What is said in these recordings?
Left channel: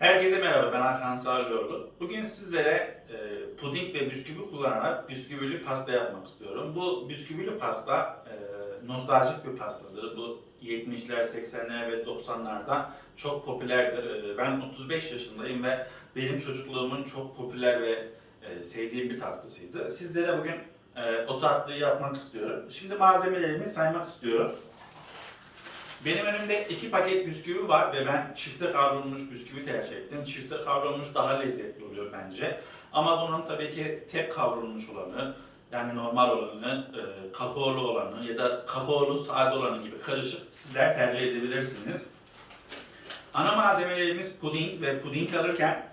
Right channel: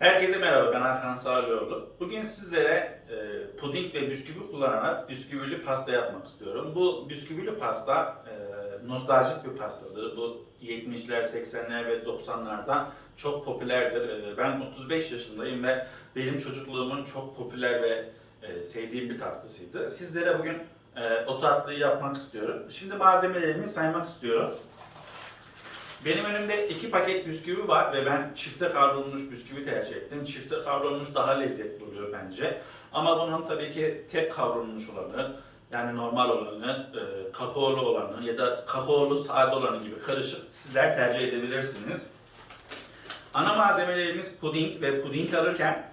Herkese merhaba, ben Hakan Sağlıoğlu. Bugün sizlere e, puding ve bisküvi kullanarak bisküvili pasta yapmak istiyorum. Bu bisküvili pasta e, nostaljik bir pastadır. Bu 70'ler, 80'ler ve 90'larda çok popülerdir. E, ben 35 yaşındayım ve benim çocukluğumun çok popüler ve e, sevdiğim bir tatlısıydı. Sizlere bugün e, o tatlıyı yapmak istiyorum. Şimdi malzemelerimi saymak istiyorum. Benim önümde iki paket bisküvi var ve ben çifte kavrulmuş bisküvi tercih ettim. Çifte kavrulmuş daha lezzetli oluyor bence. Ama bunun tabii ki tek kavrulmuş olanı, yani normal olanı, e, kakaolu olanı ya da kakaolu sade olanı gibi karışık sizler tercih edebilirsiniz. Ana malzemelerimiz puding ve puding alırken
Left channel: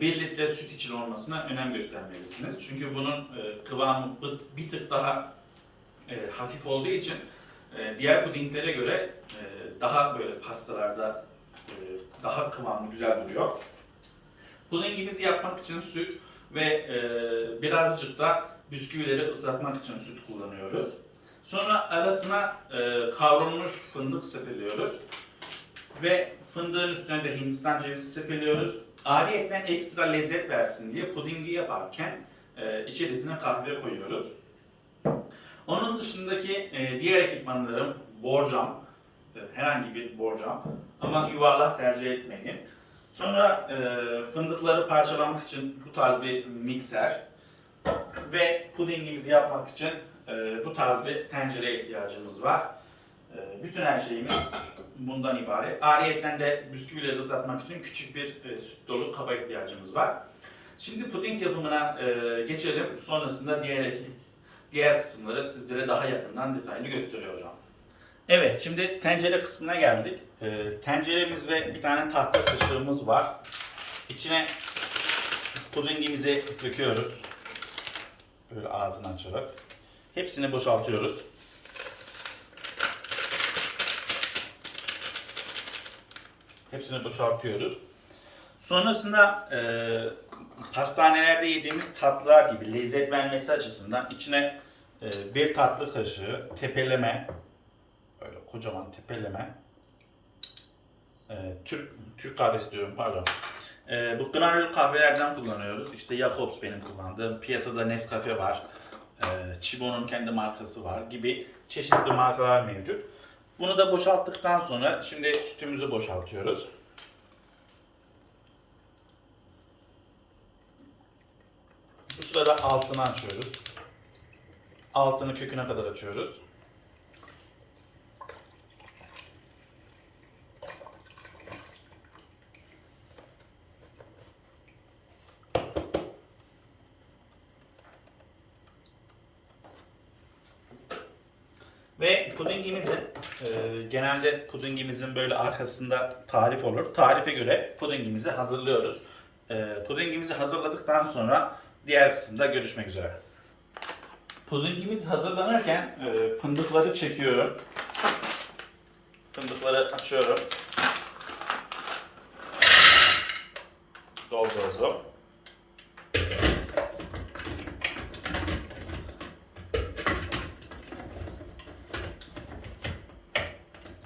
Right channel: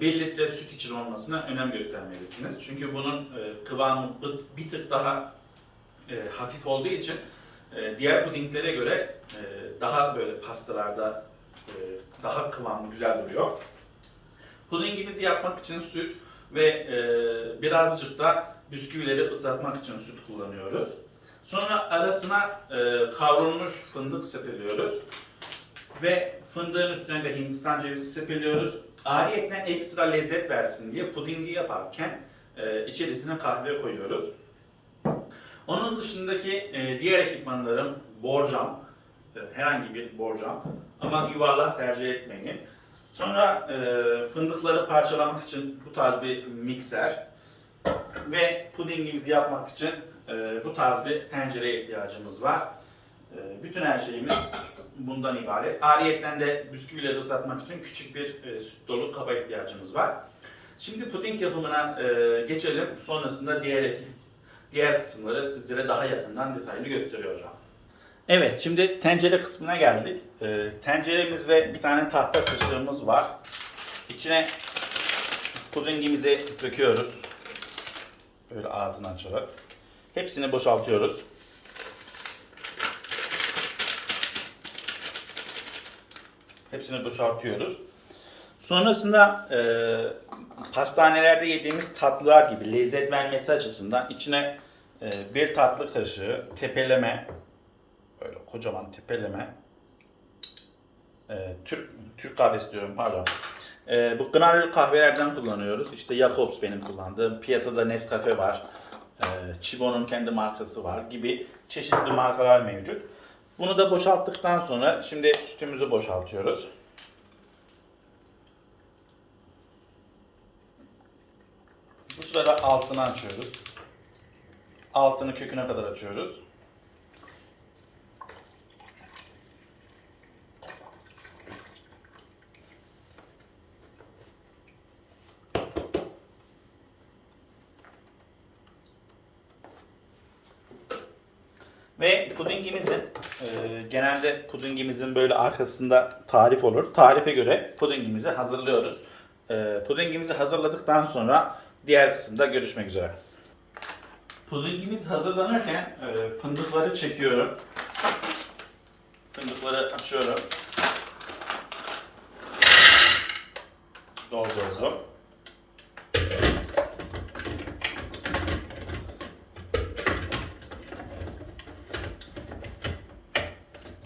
1 litre süt için olmasına önem göstermelisiniz. Çünkü bunun e, kıvamı bir- bir tık daha e, hafif olduğu için e, diğer pudinglere göre e, daha böyle pastalarda e, daha kıvamlı güzel duruyor. Pudingimizi yapmak için süt ve birazcık da bisküvileri ıslatmak için süt kullanıyoruz. Sonra arasına kavrulmuş fındık sepeliyoruz. Ve fındığın üstüne de Hindistan cevizi sepeliyoruz. Ayrıyeten ekstra lezzet versin diye pudingi yaparken içerisine kahve koyuyoruz. Onun dışındaki e, diğer ekipmanlarım borcam, e, herhangi bir borcam ama yuvarlak tercih etmeyin. Sonra e, fındıkları parçalamak için bu tarz bir mikser ve pudingimizi yapmak için e, bu tarz bir tencereye ihtiyacımız var. E, bütün her şeyimiz bundan ibaret. Ariyetten de bisküvileri ıslatmak için küçük bir e, süt dolu kaba ihtiyacımız var. Şimdi puding yapımına e, geçelim. Sonrasında diğer ekip diğer kısımları sizlere daha yakından detaylı gösteriyor hocam. Evet, şimdi tencere kısmına geldik. Ee, tenceremiz ve bir tane tahta kaşığımız var. İçine pudingimizi döküyoruz. Böyle ağzını açarak. Hepsini boşaltıyoruz. Hepsini boşaltıyoruz. Sonrasında e, pastanelerde yediğimiz tatlılar gibi lezzet vermesi açısından içine e, bir tatlı kaşığı tepeleme böyle kocaman tepeleme e, Türk Türk kahvesi diyorum pardon. E, bu granül kahvelerden kullanıyoruz. İşte Jacobs benim kullandığım. Piyasada Nescafe var. E, Chibo'nun kendi markası var gibi çeşitli markalar mevcut. Bunu da boşalttıktan sonra şimdi sütümüzü boşaltıyoruz. Bu sırada altını açıyoruz. Altını köküne kadar açıyoruz. Ve pudingimizi e, genelde pudingimizin böyle arkasında tarif olur. Tarife göre pudingimizi hazırlıyoruz. E, pudingimizi hazırladıktan sonra diğer kısımda görüşmek üzere. Pudingimiz hazırlanırken e, fındıkları çekiyorum. Fındıkları açıyorum. Dolduruyorum.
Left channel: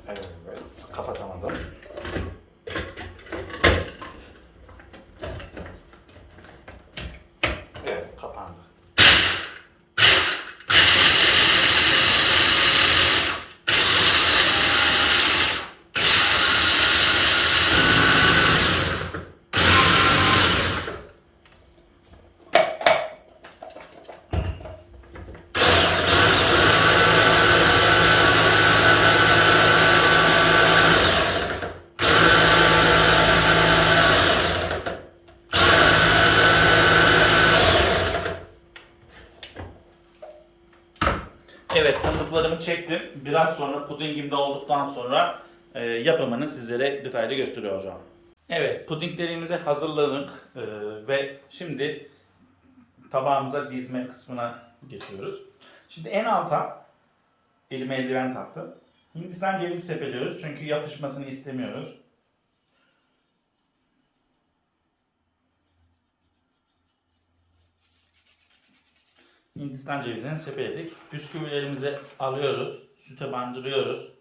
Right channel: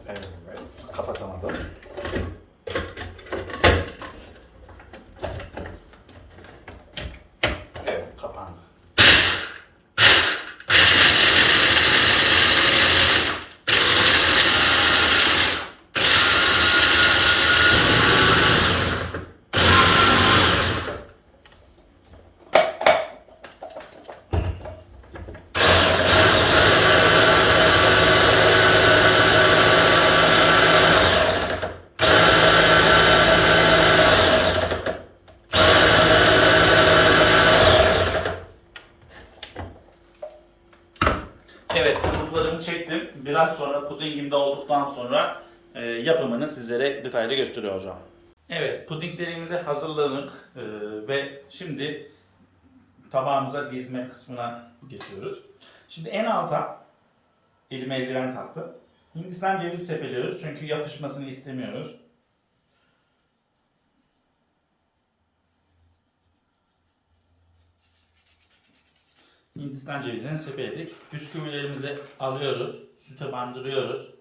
Evet, kapatamadım. Evet, kapandı. Evet, fındıklarımı çektim. Biraz sonra pudingim de olduktan sonra e, yapımını sizlere detaylı gösteriyor hocam. Evet, pudinglerimizi hazırladık e, ve şimdi tabağımıza dizme kısmına geçiyoruz. Şimdi en alta elime eldiven taktım. Hindistan cevizi sepeliyoruz çünkü yapışmasını istemiyoruz. Hindistan cevizini sepeledik. Bisküvilerimizi alıyoruz. Süte bandırıyoruz.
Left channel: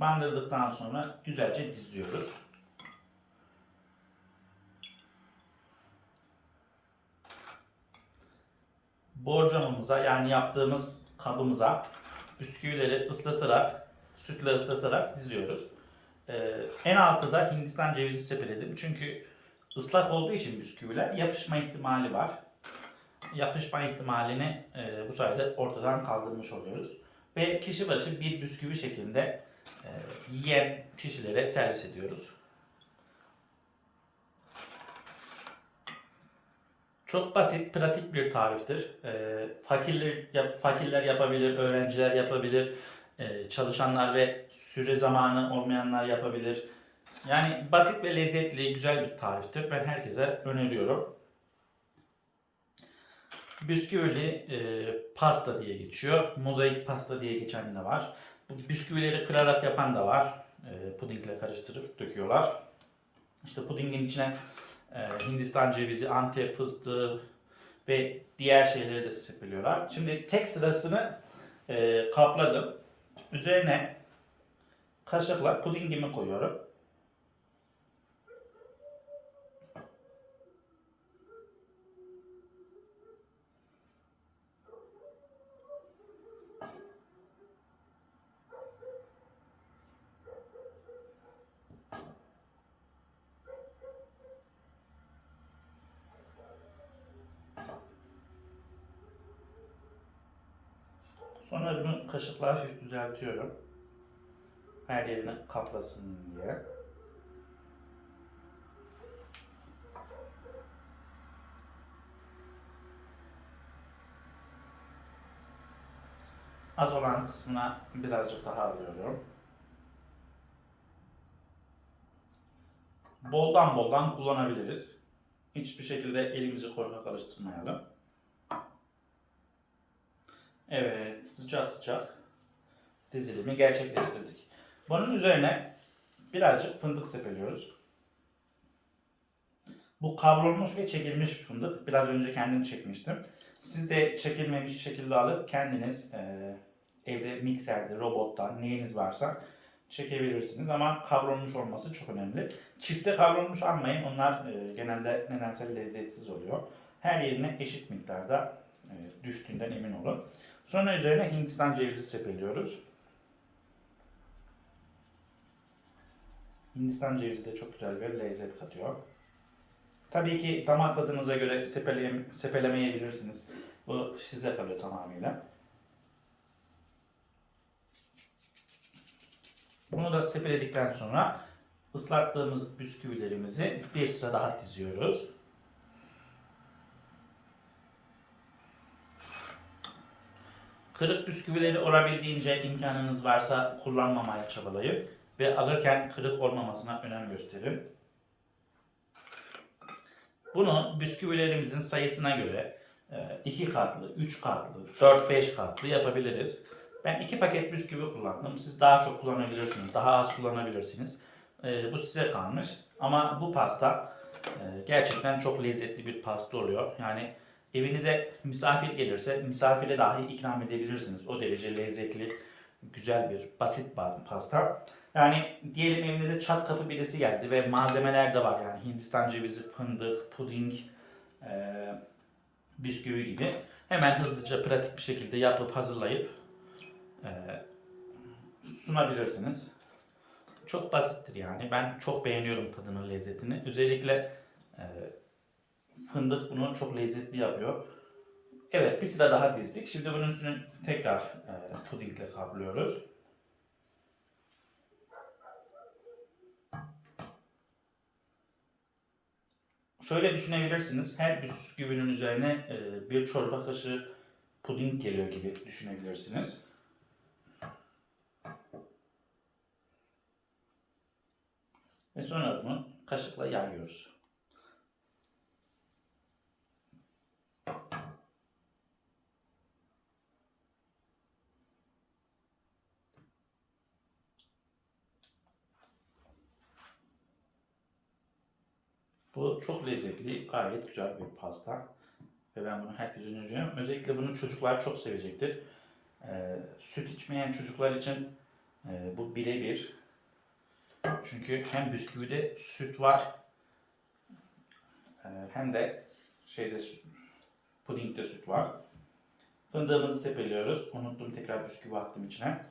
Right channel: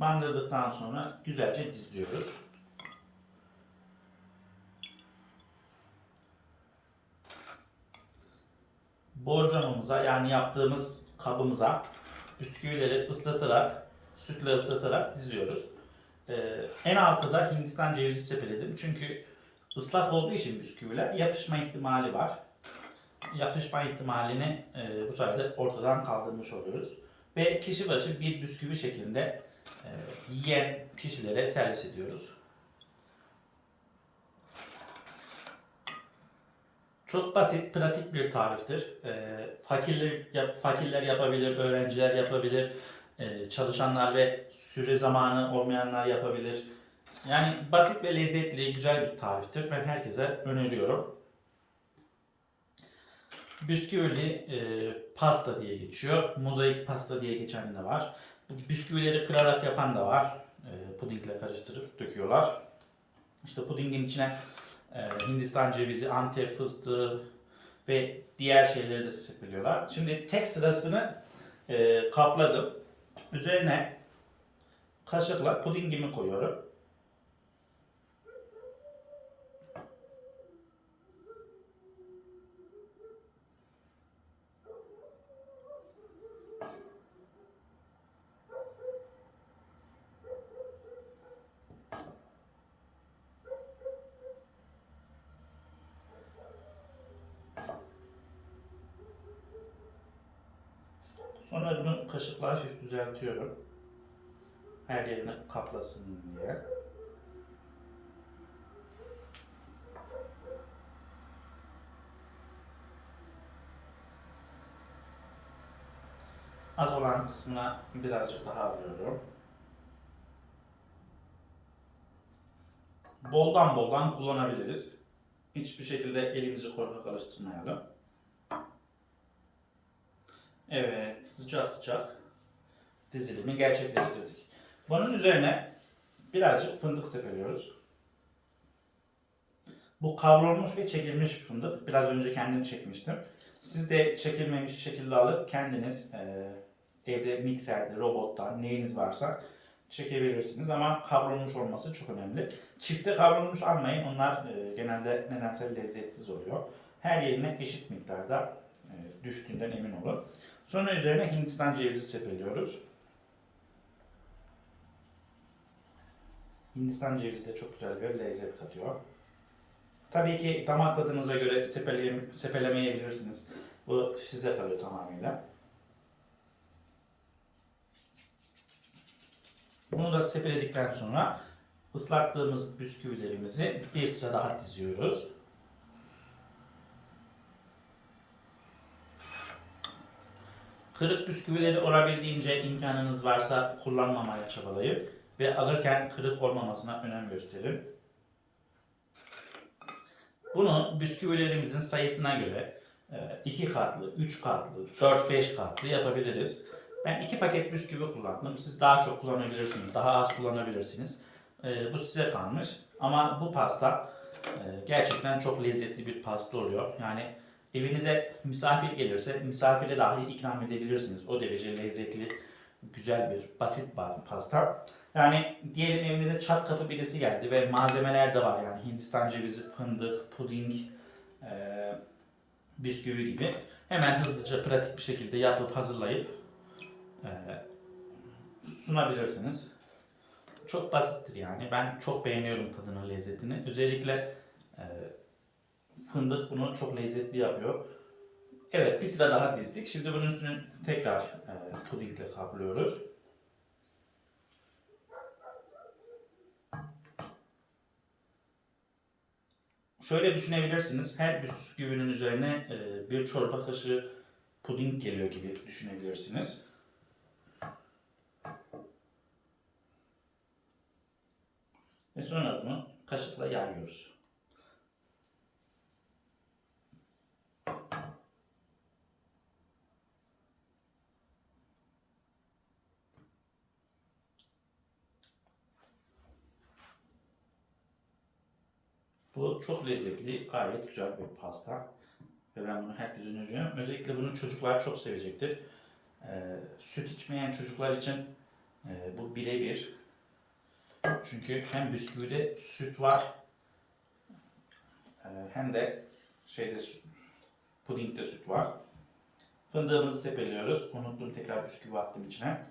Bandırdıktan sonra güzelce diziyoruz. Borcamımıza yani yaptığımız kabımıza bisküvileri ıslatarak, sütle ıslatarak diziyoruz. Ee, en altı da Hindistan cevizi sepeledim. Çünkü ıslak olduğu için bisküviler yapışma ihtimali var. Yapışma ihtimalini e, bu sayede ortadan kaldırmış oluyoruz. Ve kişi başı bir bisküvi şeklinde yiyen kişilere servis ediyoruz. Çok basit, pratik bir tariftir. E, fakirler, yap- fakirler yapabilir, öğrenciler yapabilir, e, çalışanlar ve süre zamanı olmayanlar yapabilir. Yani basit ve lezzetli, güzel bir tariftir. Ben herkese öneriyorum. Bisküvili e, pasta diye geçiyor. Mozaik pasta diye geçen de var. Bisküvileri kırarak yapan da var. E, pudingle karıştırıp döküyorlar. İşte pudingin içine e, Hindistan cevizi, Antep fıstığı ve diğer şeyleri de sıkılıyorlar. Şimdi tek sırasını e, kapladım. Üzerine kaşıkla pudingimi koyuyorum. Sonra bunu kaşıkla hafif düzeltiyorum. Her yerine kaplasın diye. Az olan kısmına birazcık daha alıyorum. Boldan boldan kullanabiliriz. Hiçbir şekilde elimizi korkak karıştırmayalım. Evet, sıcak sıcak dizilimi gerçekleştirdik. Bunun üzerine birazcık fındık sepeliyoruz. Bu kavrulmuş ve çekilmiş fındık. Biraz önce kendim çekmiştim. Siz de çekilmemiş şekilde alıp kendiniz e, evde mikserde, robottan neyiniz varsa çekebilirsiniz. Ama kavrulmuş olması çok önemli. Çifte kavrulmuş almayın. Onlar e, genelde nedense lezzetsiz oluyor. Her yerine eşit miktarda e, düştüğünden emin olun. Sonra üzerine Hindistan cevizi sepeliyoruz. Hindistan cevizi de çok güzel bir lezzet katıyor. Tabii ki damak tadınıza göre sepele, sepelemeyebilirsiniz. Bu size kalıyor tamamıyla. Bunu da sepeledikten sonra ıslattığımız bisküvilerimizi bir sıra daha diziyoruz. Kırık bisküvileri olabildiğince imkanınız varsa kullanmamaya çabalayın ve alırken kırık olmamasına önem gösterin. Bunu bisküvilerimizin sayısına göre 2 katlı, 3 katlı, 4-5 katlı yapabiliriz. Ben 2 paket bisküvi kullandım. Siz daha çok kullanabilirsiniz, daha az kullanabilirsiniz. E, Bu size kalmış. Ama bu pasta e, gerçekten çok lezzetli bir pasta oluyor. Yani evinize misafir gelirse misafire dahi ikram edebilirsiniz. O derece lezzetli, güzel bir, basit bir pasta. Yani diyelim evinize çat kapı birisi geldi ve malzemeler de var yani Hindistan cevizi, fındık, puding, e, bisküvi gibi. Hemen hızlıca pratik bir şekilde yapıp hazırlayıp e, sunabilirsiniz. Çok basittir yani. Ben çok beğeniyorum tadını, lezzetini. Özellikle e, fındık bunu çok lezzetli yapıyor. Evet bir sıra daha dizdik. Şimdi bunun üstünü tekrar e, pudingle kaplıyoruz. Şöyle düşünebilirsiniz. Her bisküvinin üzerine e, bir çorba kaşığı puding geliyor gibi düşünebilirsiniz. Ve sonra bunu kaşıkla yayıyoruz. Bu çok lezzetli, gayet güzel bir pasta. Ve ben bunu herkese öneriyorum. Özellikle bunu çocuklar çok sevecektir. Ee, süt içmeyen çocuklar için e, bu birebir. Çünkü hem bisküvide süt var e, hem de şeyde pudingde süt var. Fındığımızı sepeliyoruz. Unuttum tekrar bisküvi attım içine.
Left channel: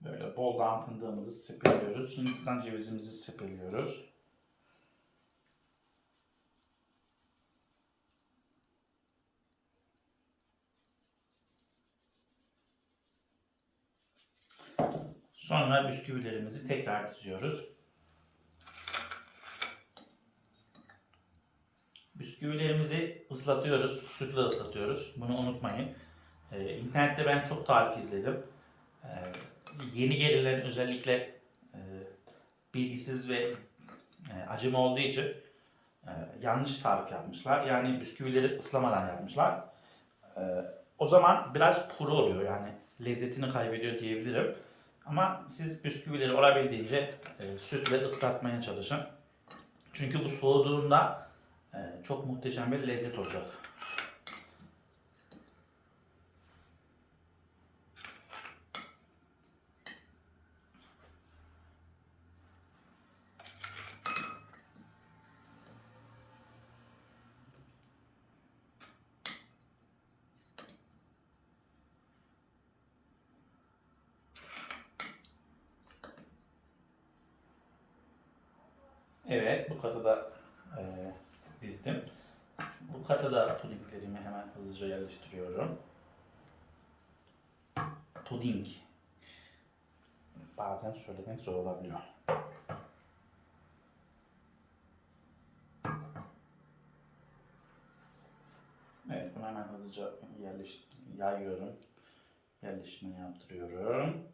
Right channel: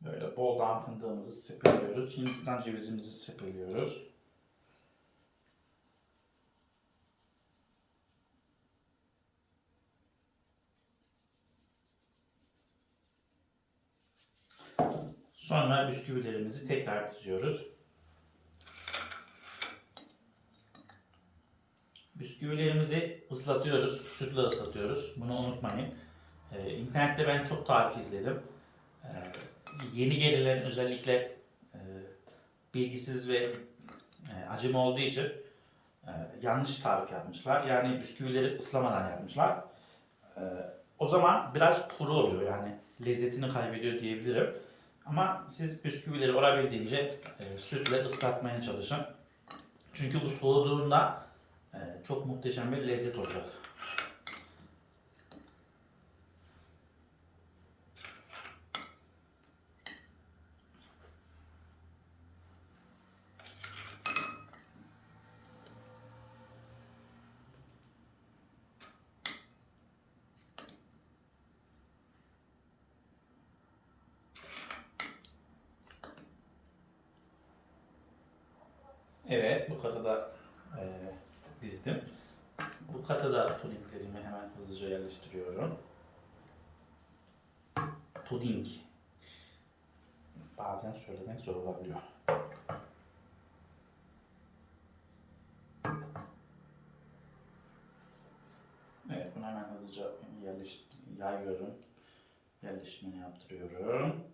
Böyle boldan fındığımızı sepeliyoruz. Hindistan cevizimizi sepeliyoruz. Sonra bisküvilerimizi tekrar diziyoruz. Bisküvilerimizi ıslatıyoruz, sütle ıslatıyoruz. Bunu unutmayın. Ee, internette ben çok tarif izledim. Ee, yeni gelilen özellikle e, bilgisiz ve e, acıma olduğu için e, yanlış tarif yapmışlar. Yani bisküvileri ıslamadan yapmışlar. E, o zaman biraz kuru oluyor yani lezzetini kaybediyor diyebilirim. Ama siz bisküvileri olabildiğince e, sütle ıslatmaya çalışın. Çünkü bu soğuduğunda e, çok muhteşem bir lezzet olacak. Evet, bu katı da e, dizdim. Bu kata da pudinglerimi hemen yerleştiriyorum. Puding. Bazen söylemek zor olabiliyor. Evet, bunu hemen hızlıca yerleş yayıyorum. Yerleştirmeni yaptırıyorum.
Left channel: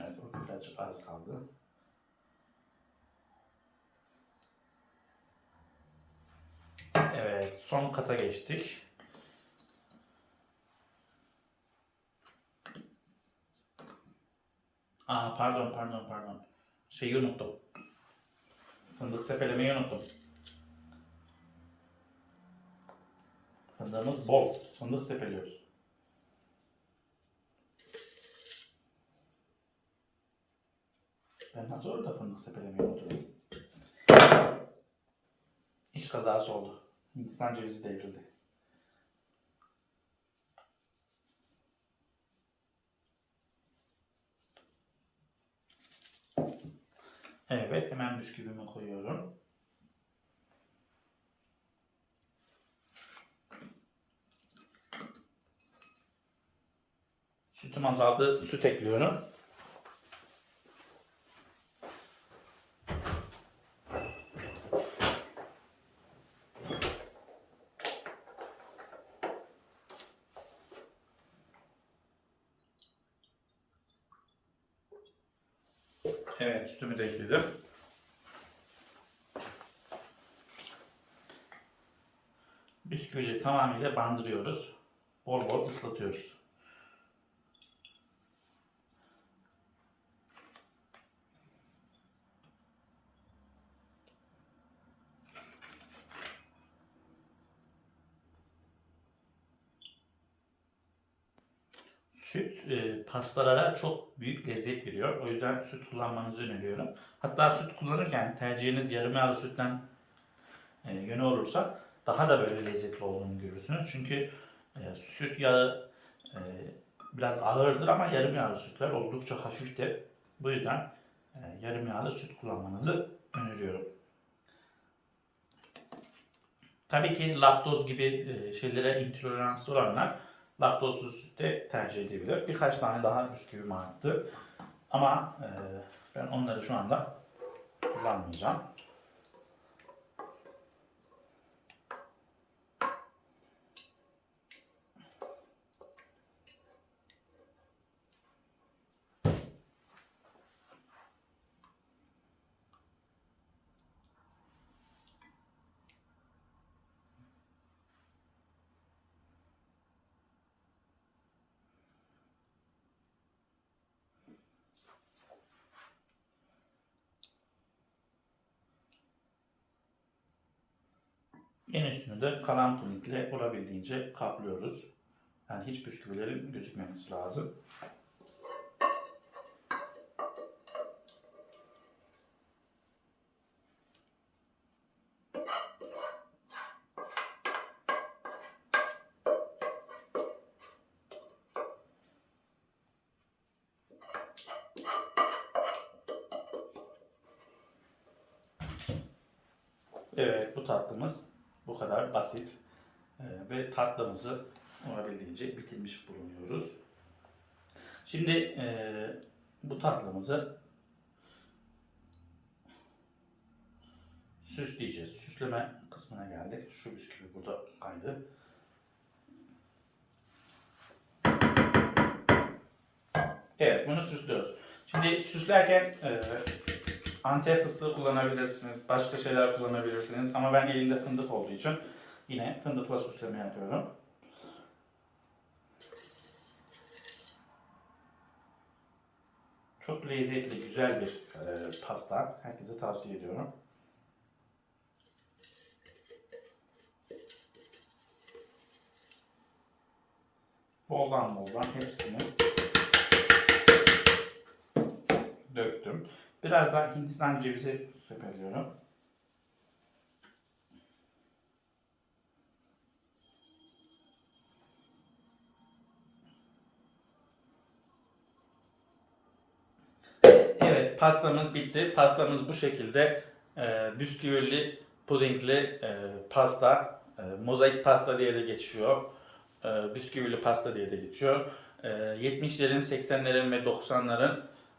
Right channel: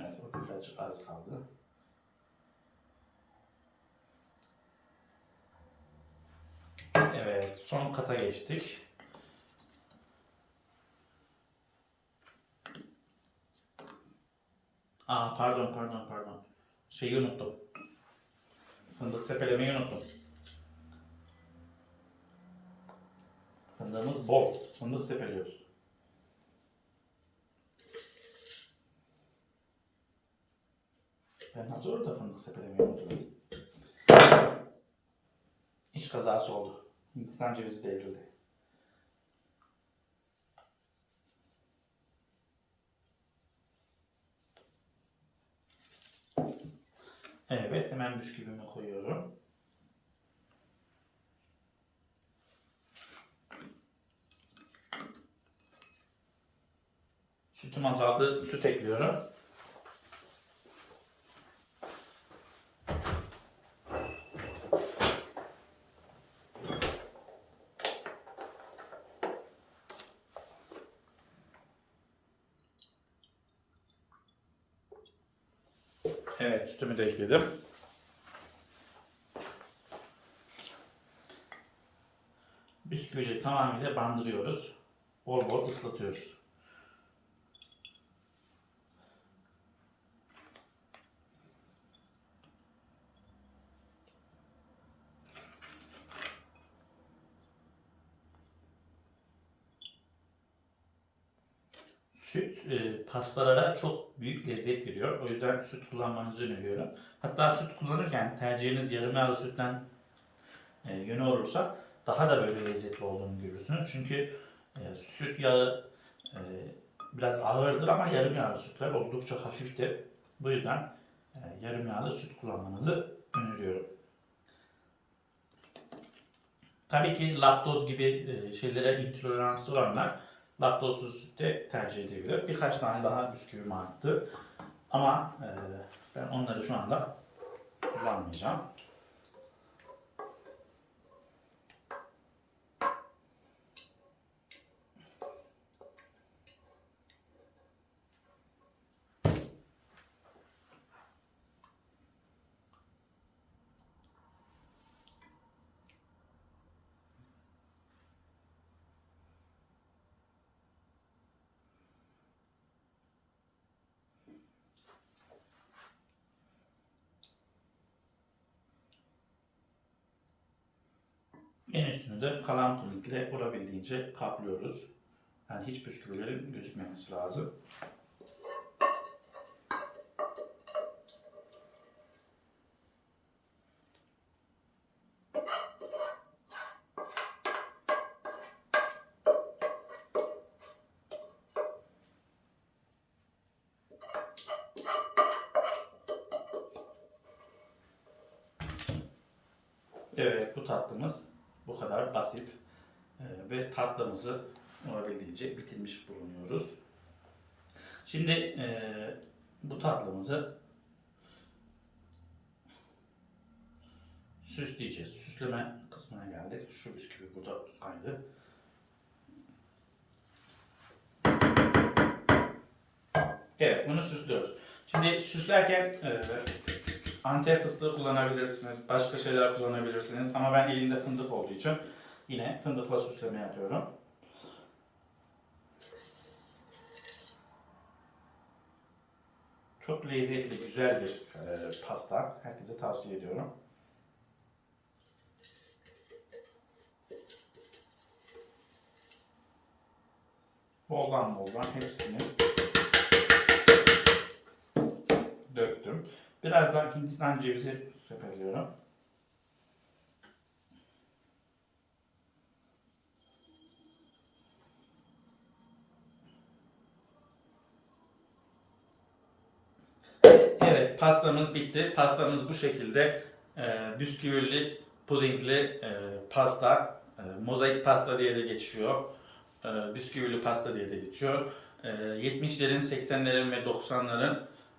Evet, o birazcık az kaldı. Evet, son kata geçtik. Aa, pardon, pardon, pardon. Şeyi unuttum. Fındık sepelemeyi unuttum. Fındığımız bol. Fındık sepeliyoruz. Ben nasıl orada fındık sepelemeyi unuttum? İş kazası oldu. Hindistan cevizi devrildi. Evet, hemen bisküvimi koyuyorum. Sütüm azaldı, süt ekliyorum. Evet, sütümü de ekledim. Bisküvileri tamamıyla bandırıyoruz. Bol bol ıslatıyoruz. Süt e, pastalara çok büyük lezzet veriyor. O yüzden süt kullanmanızı öneriyorum. Hatta süt kullanırken tercihiniz yarım yağlı sütten e, yöne olursa daha da böyle lezzetli olduğunu görürsünüz. Çünkü e, süt yağı e, biraz ağırdır ama yarım yağlı sütler oldukça hafiftir. Bu yüzden e, yarım yağlı süt kullanmanızı öneriyorum. Tabii ki laktoz gibi e, şeylere intoleranslı olanlar laktozsuz süt de tercih edebilir. Birkaç tane daha bisküvim arttı. Ama e, ben onları şu anda kullanmayacağım. En üstünü de kalan pudingle olabildiğince kaplıyoruz. Yani hiç bisküvilerin gözükmemesi lazım. Evet bu tatlımız bu kadar basit Ee, ve tatlımızı olabildiğince bitirmiş bulunuyoruz. Şimdi e, bu tatlımızı süsleyeceğiz. Süsleme kısmına geldik. Şu bisküvi burada kaydı. Evet bunu süslüyoruz. Şimdi süslerken e, Antep fıstığı kullanabilirsiniz, başka şeyler kullanabilirsiniz ama ben elimde fındık olduğu için yine fındıkla süsleme yapıyorum. Çok lezzetli, güzel bir e, pasta. Herkese tavsiye ediyorum. Boldan boldan hepsini döktüm. Biraz daha Hindistan cevizi sepeliyorum. Evet, pastamız bitti. Pastamız bu şekilde e, bisküvili, pudingli e, pasta, e, mozaik pasta diye de geçiyor. E, bisküvili pasta diye de geçiyor. E, 70'lerin, 80'lerin ve 90'ların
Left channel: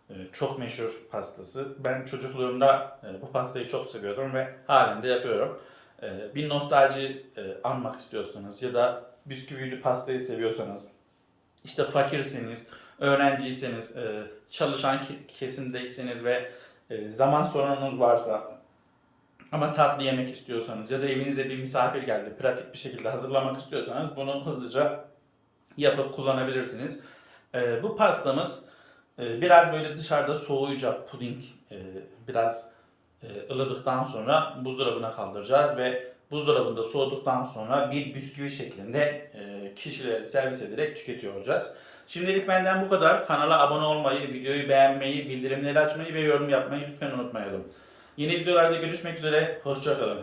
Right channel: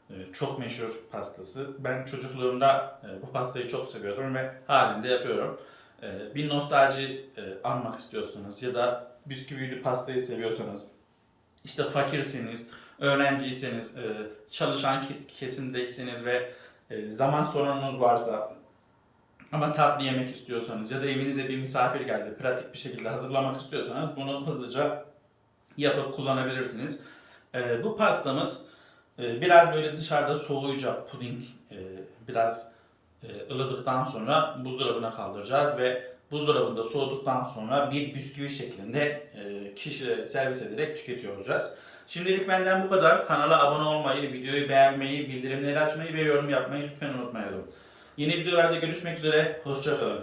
e, çok meşhur pastası. Ben çocukluğumda e, bu pastayı çok seviyordum ve halen de yapıyorum. E, bir nostalji e, anmak istiyorsanız ya da bisküvili pastayı seviyorsanız, işte fakirseniz, öğrenciyseniz, e, çalışan ke- kesimdeyseniz ve e, zaman sorununuz varsa ama tatlı yemek istiyorsanız ya da evinize bir misafir geldi, pratik bir şekilde hazırlamak istiyorsanız bunu hızlıca yapıp kullanabilirsiniz. E, bu pastamız biraz böyle dışarıda soğuyacak puding, biraz ılıdıktan sonra buzdolabına kaldıracağız ve buzdolabında soğuduktan sonra bir bisküvi şeklinde kişilere servis ederek tüketiyor olacağız. Şimdilik benden bu kadar. Kanala abone olmayı, videoyu beğenmeyi, bildirimleri açmayı ve yorum yapmayı lütfen unutmayalım. Yeni videolarda görüşmek üzere. Hoşçakalın.